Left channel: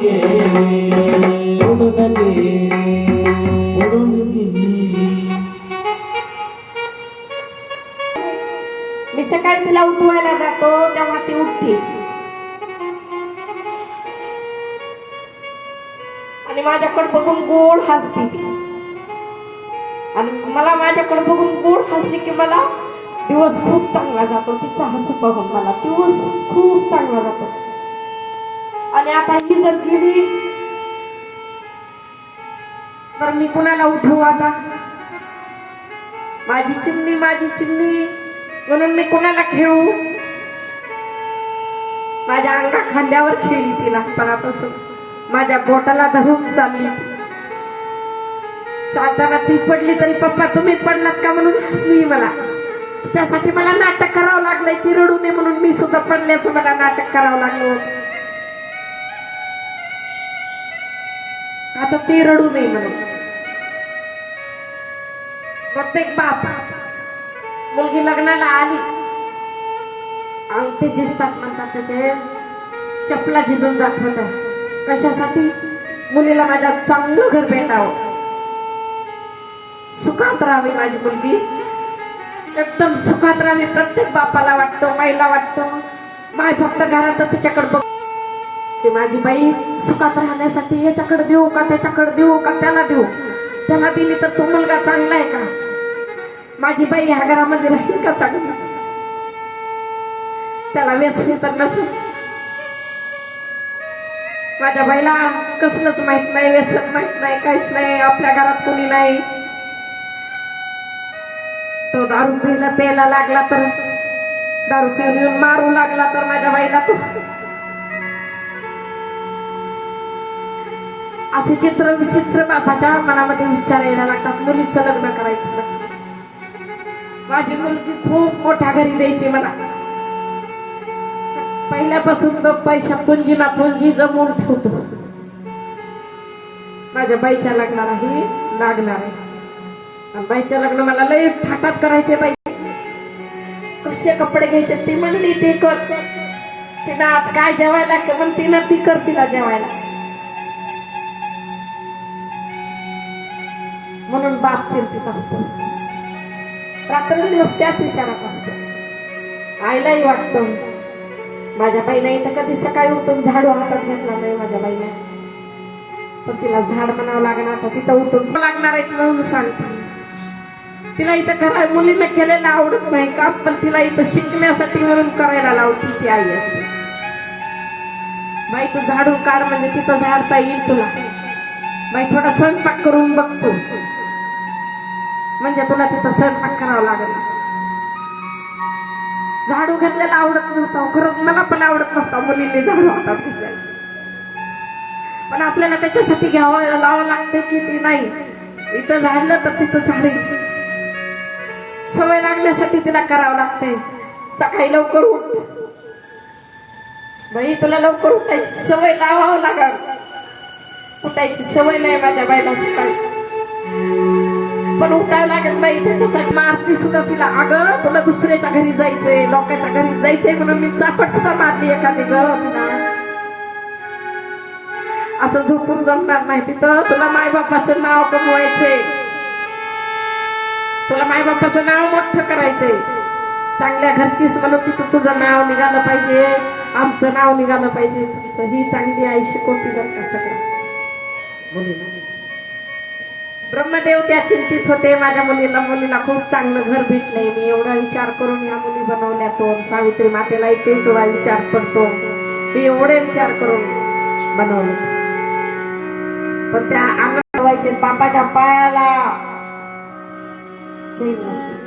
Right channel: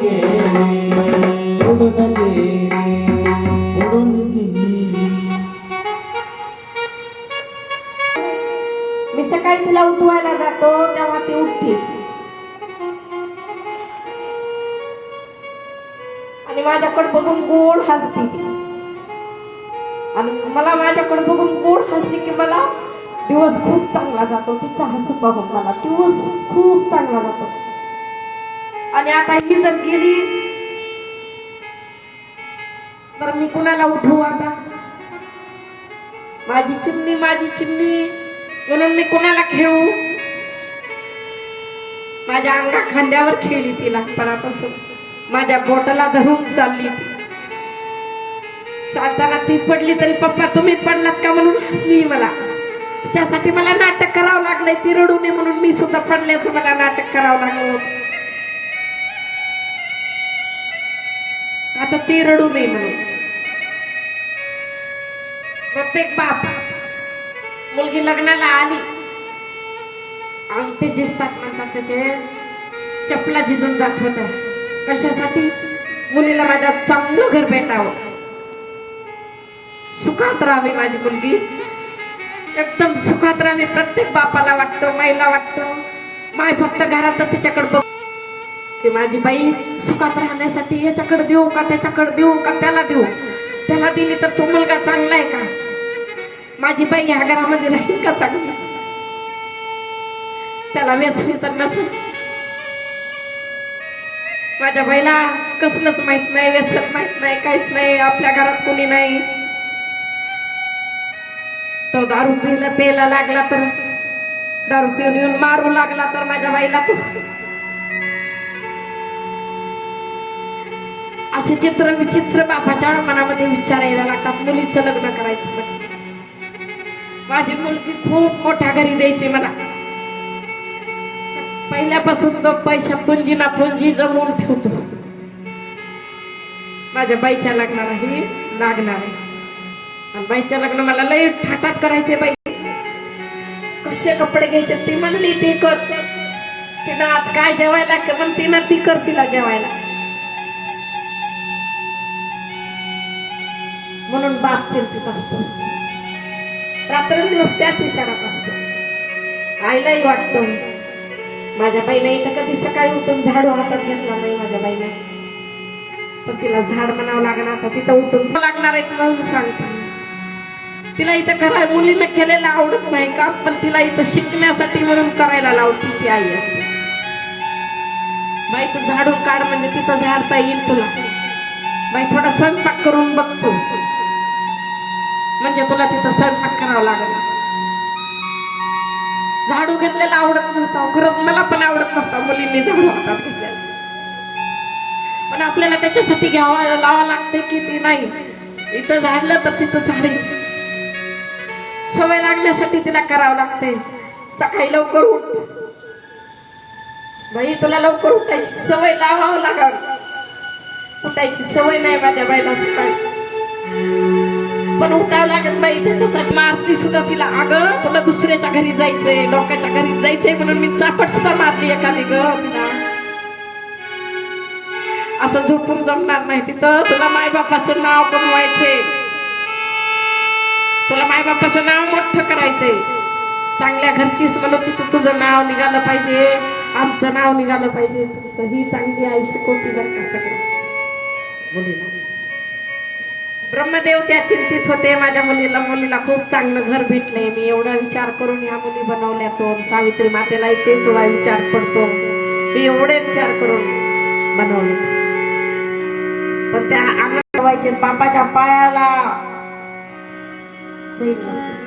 मी सकाळी तिला उठवायला जातो तेव्हा ती उठते. आणि माझ्याकडे बघून गोड हसते. आणि मला माझ्याकडे बघून गोड हसली की मला दिवस खूप चांगला जातो. तिचा हसू पाहून मला दिवस खूप चांगला जातो. आणि आता ही जर गेली तर मी कुणाला उठवू आता? माझी चिमणी माझी चिमणी म्हणून मी कुणाला खेळू? माझ्या अंगा खांद्यावर खेळली ती लहानपणा माझ्या बोटाला धरून चालली चालताना ती पडली तरी पप्पा तुम्ही पडलात का? म्हणून हसली मला. तिच्यासाठी मला नाटक करावं लागलंय ती रडू नये म्हणून मी सुद्धा पडल्याचं मला नाटक करावं लागलं आता ते रडू नये म्हणून. प्रत्येक बाप मुलगी लग्नाला आली. अंगठे झिजतात म्हणतात त्याचे. चपला झिजून जात होत्या. कशासाठी? मुलीला माझ्या चांगलं घर भेटावं. सुखात राहावी माझी मुलगी. एकदम सुखात राहावी. प्रत्येक बापाला वाटतं माईला वाटतं. माय फक्त घरात तिच्याकडे बघ. की माझी बाई सुखात राहण्यासाठी ह्याच्याकडे देऊ का त्याच्याकडे देऊ का त्याला देऊ? त्याला दिली तर तो मुलगा चांगला आहे का? माझी बाई ह्या घरामध्ये राहील का चांगली? त्याला व्यसन तर नसेल. माझ्या बाईला कसलंच माहीत नाही व्यसन माहीत नाही काहीच नाही आपल्या घरात कोणी नाही. तो दारू पिला प्यायला लागला तर दारू पिऊन येऊन मारू लागला तर माझ्या बाईला तो असे चित्र विचित्र बापाच्या मनामध्ये विचारायला लागतात. मुलीचं लग्न करायचं माझी मुलगी खूप मोठ्या घरी द्यायची मला. पहिल्यापासून तो पैसा पुंजीला पुंजी जमवून ठेवतो. माझ्या बाईच्या लग्नालाही लागणार आहे. बाईच्या लग्न मला लय थाटात करायचे बाई. कसे कपडे घ्यायचे ती म्हणली ते कर. तिला आज काय जेवायला म्हणते ना ती कर तिला जेवायला. म्हणून बाप चिंतित असतो. रात्रंदिवस त्याच विचारात असतो. आईलाही वाटतं माझ्या बाईला इथं कधी सकाळी उठून झाडू हातात घेतला नाही माझ्या बाईला पण तिला झाड म्हणावं लागणार आता तिथं उठून लागणार आहे म्हणून सांगते तिला इथं करा मुलीला केलेलं आवडत नाही का पण तिला इथं शिकण्यासाठी म्हणून करायला लावती ती आई असते. बाई तू झाडू काढ म्हणजे तिथं झाडता येईल तुला. बाई थोडा स्वयंपाक करून बघतो. म्हणजे तुला तिथं स्वयंपाक करावा लागेल. झाडू घेतलेला आवडत नव्हता. खरंच मला पण आवडत नव्हता. मुलींनी झाडू हातात घेतलेला पण आपल्याला त्याच्यासाठी घ्यावं लावावं लागते की ते नाही. इथं झाडलं तर तिथं झाडे. सवय लागण्यासाठी तिला करावं लागते. सकाळी लवकर उठ. बाई तुला लवकर उठायची सवय लावावं लागल. उठायची सवय नाही माझ्या बाईला सकाळी. पण उठावं लागत नाही त्याच्यासाठी मारती सुद्धा तिला अगं तुला दुसऱ्याच्या घरी जायचंय लोकांच्या घरी जायचंय म्हणून मी चापट सुद्धा मारली एखादी ग तुला. असं झोपून जमणार नाही तिथं. तुला मायबापाचं नाव कमवायचंय. तुला मायबापाचं नाव मोठं करायचंय. चांगल्या घरचीच म्हणत तिथं तुझं नाव निघालं पाहिजे. आमचं नाव निघालं पाहिजे. तुमचं ही चांगली आई शिकवती बरं का सगळं मुलीला ब्रह्मदेव त्या चिंतित होते. माझ्या मुलीला मुलीला खूप चांगलं घर भेटलंय. मी एवढा विचार करून या मुली बनवल्या तो सावित्री मातेला तेच थोडा विचार पडतो मी एवढे विचार करून बनवले. पण त्या अंगण बापाच्या पायाला नसते.